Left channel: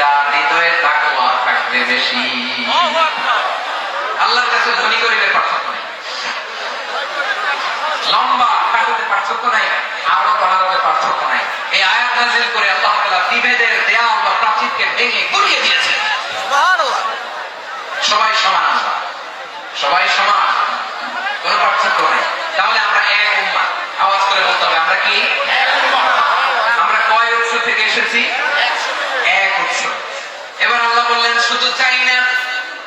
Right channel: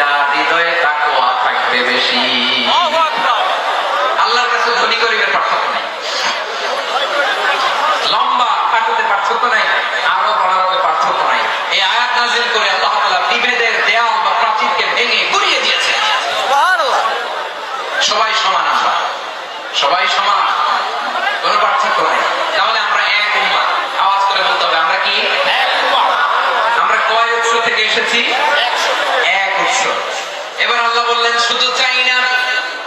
যার হৃদয়ে তাকওয়া থাকবে বেশি। আল্লাহর কাছে ধনী গরিবের পার্থক্য নেই। লম্বা খাটুতে পার্থক্য নাই আরও বড়ারবে পার্থক্য নাই। এই আয়াত নাজিল করে আল্লাহ তাআলা বিভেদের দেয়াল বা প্রাচীরকে ভেঙে গুড়িয়ে দিয়েছে সবাই সমান আমরা। সবাই সমান। কোনো পার্থক্য নাই। তাহলে আমরা এক উম্মাহ। আওয়াজ করে বলতে হবে আমরা কি? আমরা কয় উৎস থেকে এসেছি? এক উৎস। এবার আল্লাহ বললেন, শুধু চাই না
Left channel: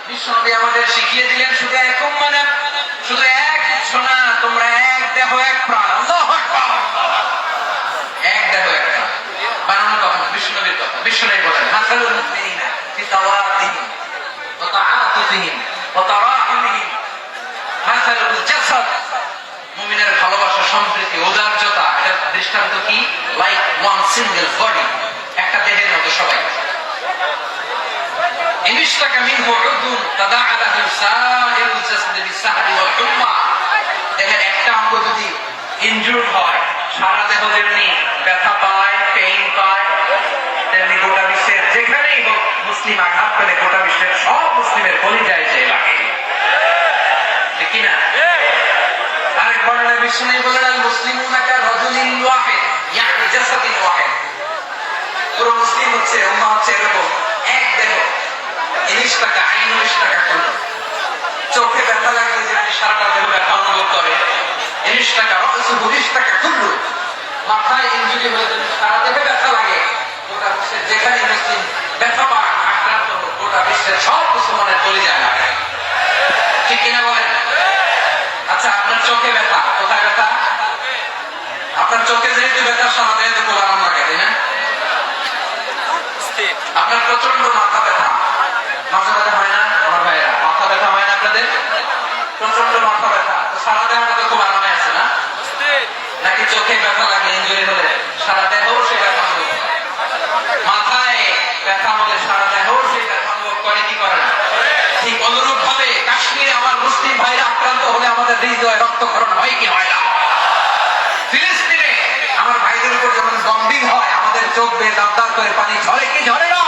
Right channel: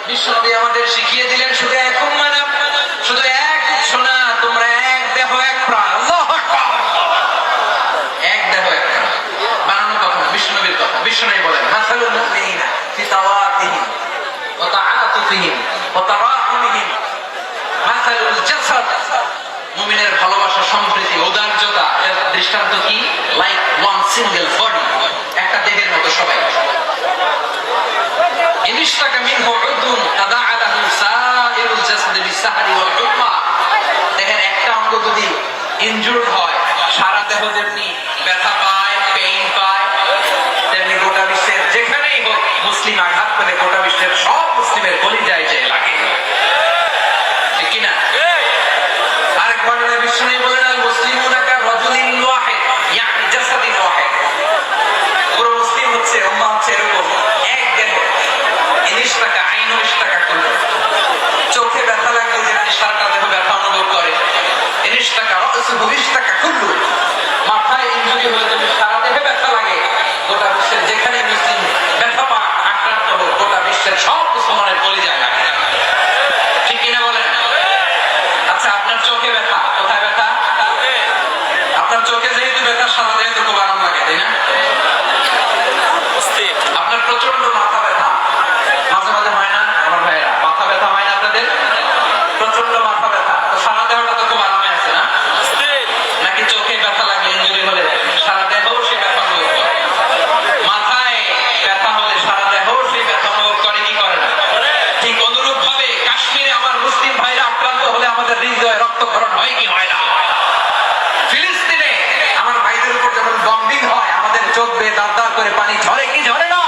বিশ্বনবী আমাদের শিখিয়ে দিলেন, শুধু এক না, শুধু এক উৎস না, তোমরা এক দেহ, এক প্রাণ। আল্লাহু এক দেহ, এক প্রাণ। বানানো কখন বিশ্বনবীর কথা। বিশ্বনবী বলেন, মাসালুল জাসাদ। মুমিনের ভালোবাসা, সম্প্রীতি উদারতা এর দৃষ্টান্ত কি? লাইক ওয়ান সিঙ্গেল বডি একটা দেহের মতো সবাই। ইনিশতাকা মিনহু উদুন তাদাআ লাহু সাইরুল জাসদি বিসাহরি ওয়াল হুম্মা দেহের একটা অঙ্গ যদি ইনজুর্ড হয়, সারা দেহ যেমনি ব্যথা পায় পেইন পায়, তেমনি গোটা বিশ্বের যেখানেই হোক, মুসলিম আঘাত পেলে গোটা বিশ্বের সব মুসলিমের কলিজায় চাই লাগে। ঠিক কি না আরেক বর্ণনা বিষ্ণু বলেন ব্যথা গোটা বিশ্বের আচ্ছা আপনার চোখে ব্যথা আপনার চোখে যেহেতু ব্যথা সারা দেহে তো খুব আরাম লাগে তাই না আপনার প্রচণ্ড মাথা ব্যথা মাঝে মাঝে হয় না আমার ভাইয়েরা মাথা ব্যথা হয় না আপনাদের প্রচণ্ড মাথা ব্যথা তো সারা দেহটা তো খুব আরামে আছে না নাকি চোখে ব্যথা লাগে ইঞ্জুরি হলে সারা দেহও সে ব্যথা অনুভব করে মাথায় ব্যথা হলে সারা দেহও সে ব্যথা অনুভব করে কি করে না ঠিক অনুরূপ ভাবে কাশ্মীরে আমার মুসলিম ভাইরা আক্রান্ত হলে আমাদের হৃদয়ে রক্তক্ষরণ হয় কি হয় না ফিলিস্তিনে আমার ভাইদের উপর যখন বম্বিং হয় আমাদের চোখ বেয়ে দাঁত করে পানি ঝরে কি ঝরে না?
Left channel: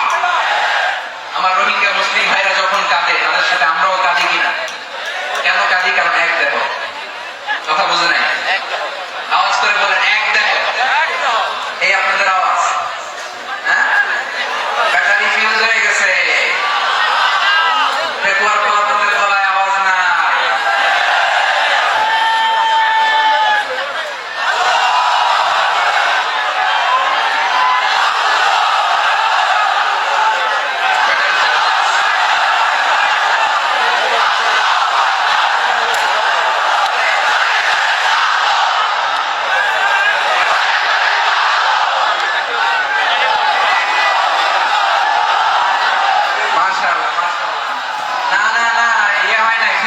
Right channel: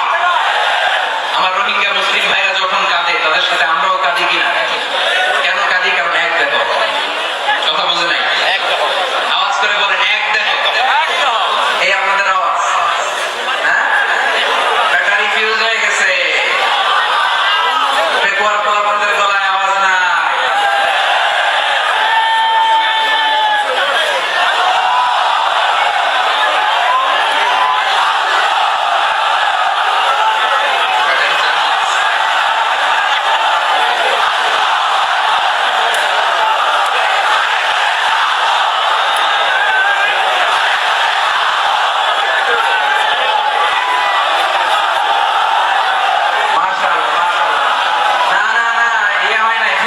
আমার রোহিঙ্গা মুসলিম ভাইরা যখন কাঁদে তাদের সাথে আমরাও কাঁদি কিনা কেন কাঁদি কারণ এক দেহ কথা বুঝে নাই আওয়াজ করে বলেন এক দেহ এই আপনাদের আওয়াজ হ্যাঁ ব্যাটারি ফিউজ হয়ে গেছে পেকুয়ার পোলাপনদের গলায় আওয়াজ নাই মাশাআল্লাহ, মাশাআল্লাহ। না, না, না, ইয়ে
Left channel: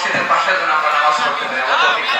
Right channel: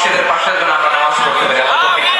মসজিদের পাশে যেন আমরা নামাজ পড়তে পারি।